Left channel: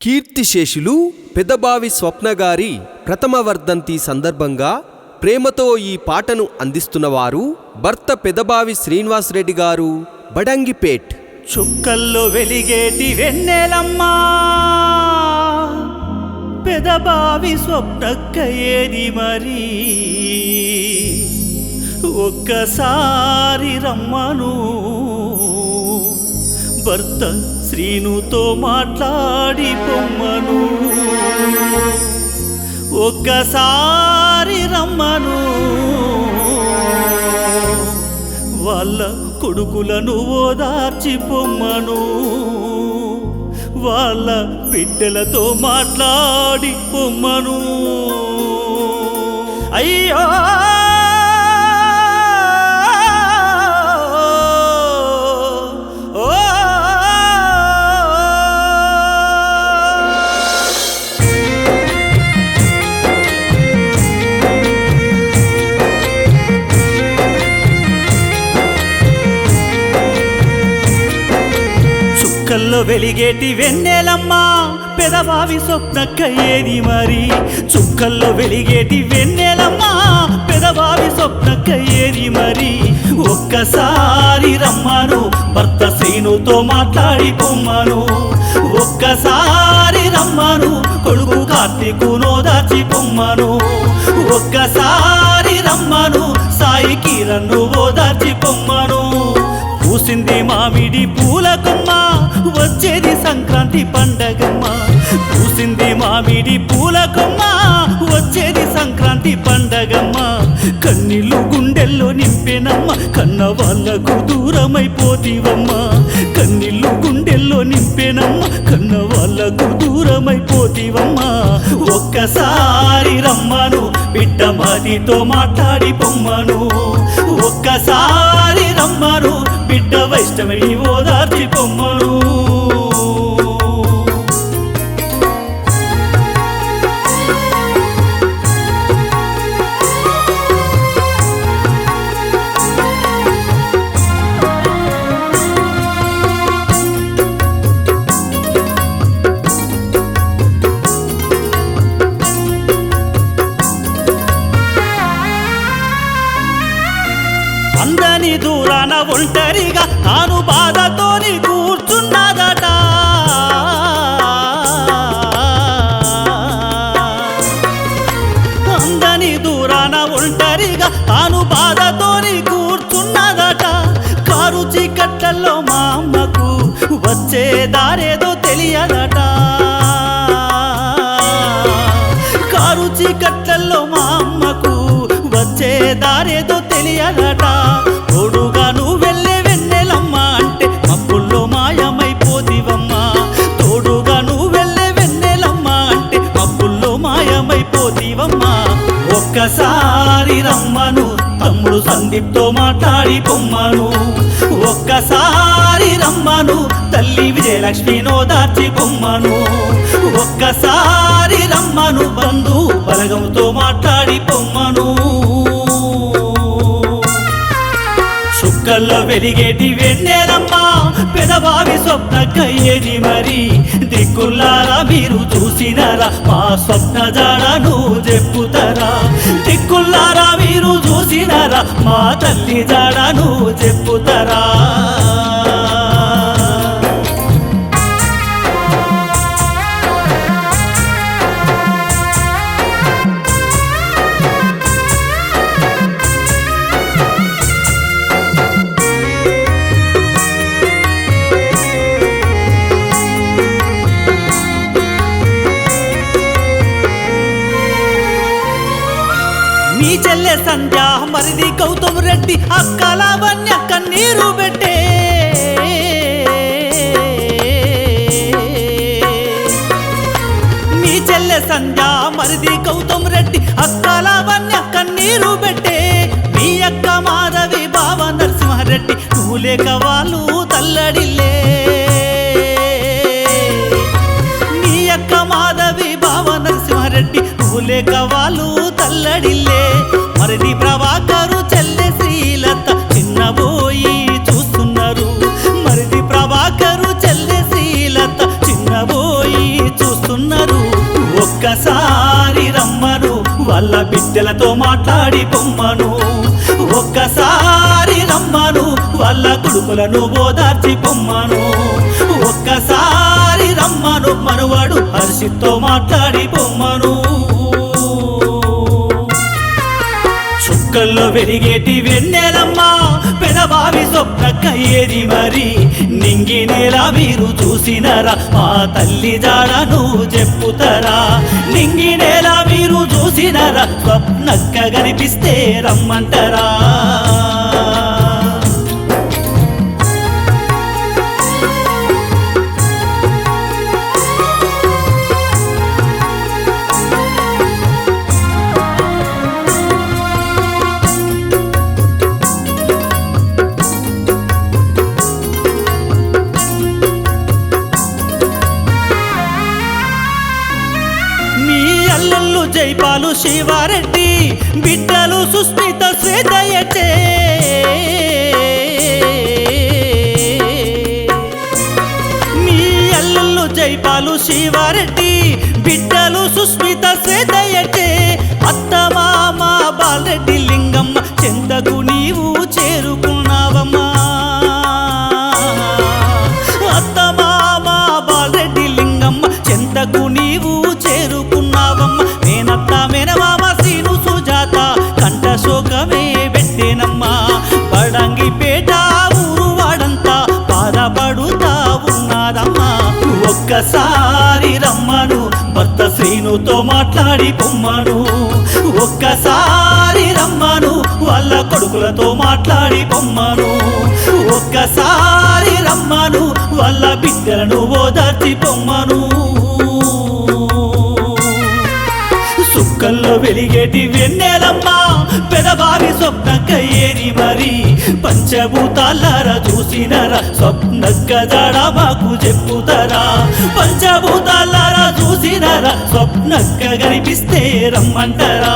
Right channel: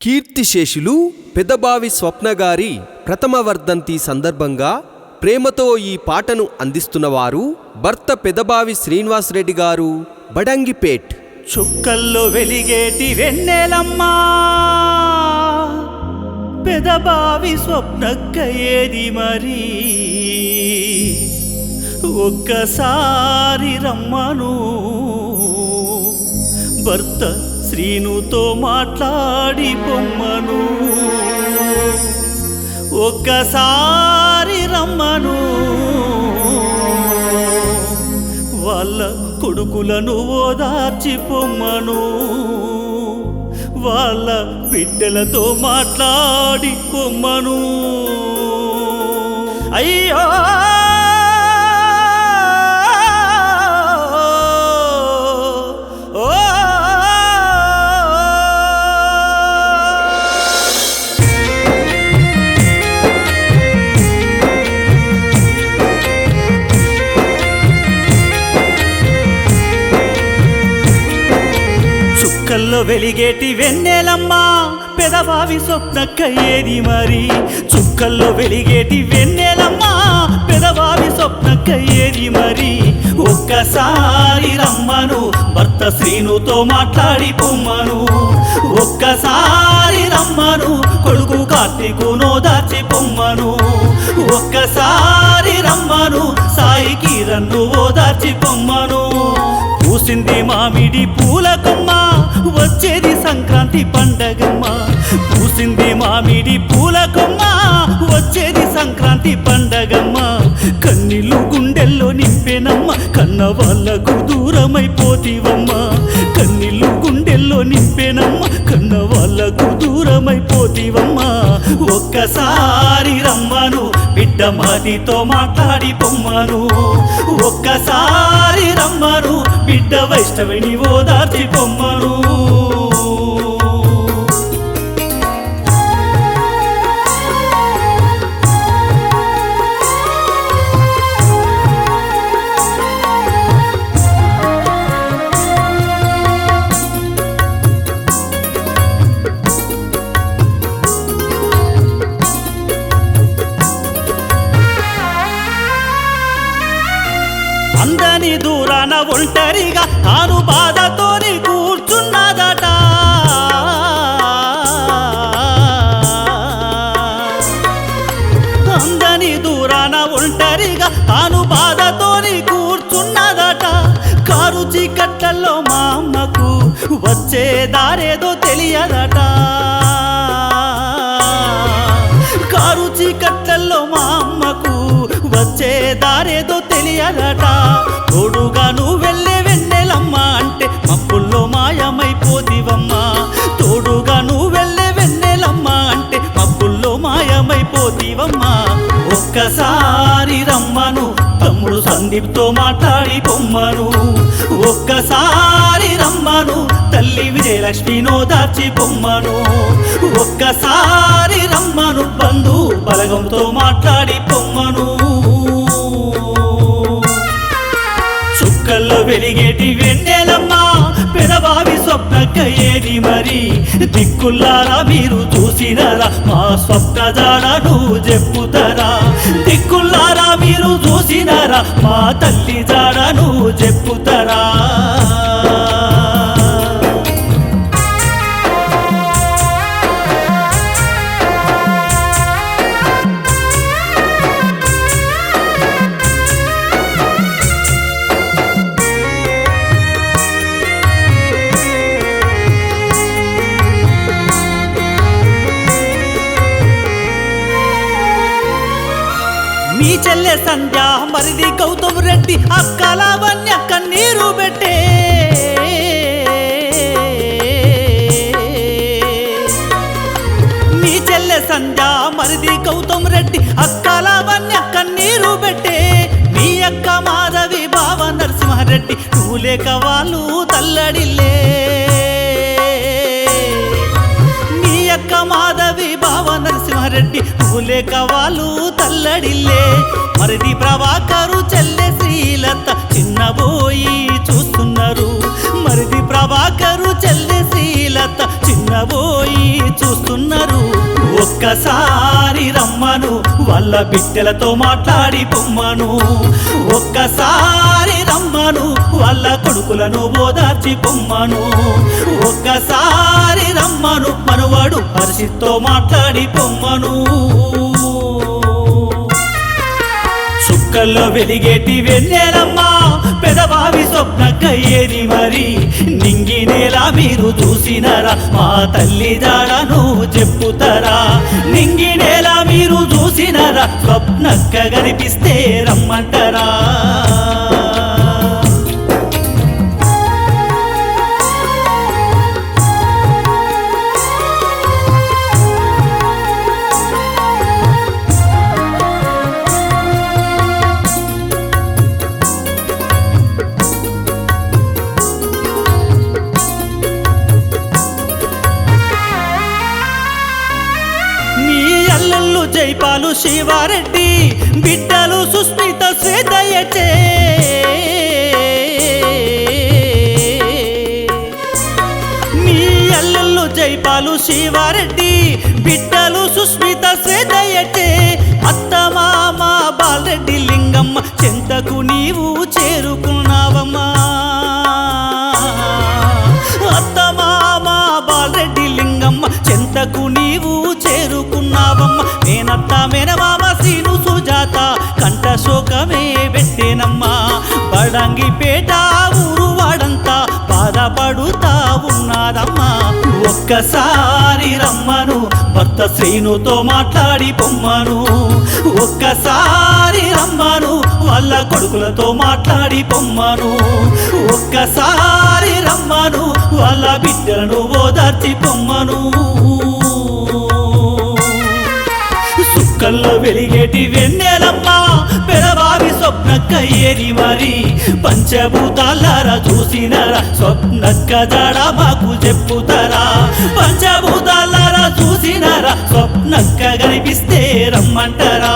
కీర్తిశేషులు పెదబావి స్వప్నగారి ప్రథమ వర్ధంతి సందర్భంగా ప్రేమతో ఈ పాటను అందిస్తున్నవారు భర్త పెదబావి శ్రీనివాసరెడ్డి గారు, బడంగిపేట్. చుక్కల్లో వెలిగేటి వెన్నెలమ్మా, పెదబావి స్వప్నక్క ఏది మరి, ఒక్కసారి రమ్మను భర్త శ్రీనుతో మాట్లాడి పొమ్మను, ఒక్కసారి రమ్మను వాళ్ళ కొడుకులను ఓదార్చి పొమ్మను, వాళ్ళ బిడ్డలతో మాట్లాడి పొమ్మను. అయ్యో చుక్కల్లో వెలిగేటి వెన్నెలమ్మా, పెదబావి స్వప్నక్క ఏది మరి, చుక్కల్లో వెలిగేటి వెన్నెలమ్మా, పెదబావి స్వప్నక్క ఏది మరి, ఒక్కసారి రమ్మను భర్త శ్రీనుతో మాట్లాడి పొమ్మను, ఒక్కసారి రమ్మను కొడుకు కార్తీకును దాచి పొమ్మను, ఒక్కసారి రమ్మను సాయి కిరణ్ను ఓదార్చి పొమ్మను. పూసింది మామిడి పూలకమ్మ, వచ్చేది సంక్రాంతి పండగమ్మ, పూసింది మామిడి పూలకమ్మ, వచ్చేది సంక్రాంతి పండగమ్మ. కన్నీళ్ళు గుండెల్లో నింపేనమ్మ, కన్న వాళ్ళకు దూరమైపోతీవమ్మ, కన్నీళ్ళు గుండెల్లో నింపేనమ్మ, కన్న వాళ్ళకు దూరమైపోతీవమ్మ. ఒక్కసారి రమ్మను బిడ్డ మాదితో మాట్లాడి పొమ్మను, ఒక్కసారి రమ్మను బిడ్డ వైష్ణవిని ఓదార్చి పొమ్మను. అందని దూరాన ఒంటరిగా తాను బాధతోని కూర్చున్నదట, అందని దూరాన ఒంటరిగా తాను బాధతోని కూర్చున్నదట. కారు చీకట్లలో మా అమ్మకు వచ్చే దారేదో తెలియదట, కారు చీకట్లలో మా అమ్మకు వచ్చే దారేదో తెలియదట. తోడుగా నువ్వు వెళ్ళే వెన్నెలమ్మా అంటే మబ్బుల్లో మాయమైపోతివమ్మా, తోడుగా నువ్వు వెళ్ళే వెన్నెలమ్మా అంటే మబ్బుల్లో మాయమైపోతివమ్మా. ఒక్కసారి రమ్మను తమ్ముడు సందీప్తో మాట్లాడి పొమ్మను, ఒక్కసారి రమ్మను తల్లి విజయలక్ష్మినో దాచి పొమ్మను, ఒక్కసారి రమ్మను బంధు బలగంతో మాట్లాడి పొమ్మను. చుక్కల్లో వెలిగేటి వెన్నెలమ్మా, పెదబావి స్వప్నక్క ఏది మరి, దిక్కుల్లారా మీరు చూసినరా మా స్వప్న జాడను చెప్పుతరా, దిక్కుల్లారా మీరు చూసినరా మా తల్లి జాడను చెప్పుతరా. మీ చెల్లె సంధ్య మరిది గౌతమ్ రెడ్డి అక్క లావణ్య కన్నీరు పెట్టే, మీ చెల్లె సంధ్య మరిది గౌతమ్ రెడ్డి అక్క లావణ్య కన్నీరు పెట్టే, మీ అక్క మాధవి బావ నరసింహారెడ్డి నువ్వు లేక వాళ్ళు తల్లడిల్లే, మీ అక్క మాధవి బావ నరసింహారెడ్డి నువ్వు లేక వాళ్ళు తల్లడిల్లే. మరిది ప్రభాకరు చెల్లె శ్రీలత చిన్నబోయి చూస్తున్నారు, మరిది ప్రభాకరు చెల్లె చెల్లె శ్రీలత చిన్నబోయి చూస్తున్నారు. ఒక్కసారి రమ్మను వాళ్ళ బిడ్డలతో మాట్లాడి పొమ్మను. ఒక్కసారి రమ్మను వాళ్ళ కొడుకులను ఓదార్చి పొమ్మను. ఒక్కసారి రమ్మను మనవాడు హర్షిత్తో మాట్లాడి పొమ్మను. చుక్కల్లో వెలిగేటి వెన్నెలమ్మ పెదబావి స్వప్నక్క ఏది మరి. నింగి నేల మీరు చూసినరా మా తల్లి జాడను చెప్పుతారా. నింగి నేల మీరు చూసినరా స్వప్నక్క కనిపిస్తే రమ్మంటారా. అల్లల్లు జైపాలు శివారెడ్డి బిడ్డలు సుస్మిత శ్వేతయటే. మీ అల్లల్లు జైపాలు శివారెడ్డి బిడ్డలు సుస్మిత శ్వేతయటే. అత్తమామ బాలరెడ్డి లింగమ్మ చెంతకు నీవు చేరుకున్నావమ్మా. అత్తమామ బాలరెడ్డి లింగమ్మ చెంతకు నీవు చేరుకున్నావమ్మ. నేనత్త మేనమామ సీను సుజాత కంట శోకమే పెట్టేనమ్మా. బడంగిపేట ఊరు వాడంతా బాధపడుతా ఉన్నాదమ్మా. ఒక్కసారి రమ్మను భర్త శ్రీనుతో మాట్లాడి పొమ్మను. ఒక్కసారి రమ్మను వాళ్ళ కొడుకులతో మాట్లాడి పొమ్మను. ఒక్కసారి రమ్మను వాళ్ళ బిడ్డలను ఓదార్చి పొమ్మను. సుక్కల్లో వెలిగేటి వెన్నెలమ్మ పెదబావి స్వప్నక్క ఏరి మరి. పంచభూతాలారా చూసినరా స్వప్నక్క జాడ మాకు చెప్పుతారా. పంచభూతాలారా చూసినరా స్వప్నక్క కనిపిస్తే రమ్మంటారా.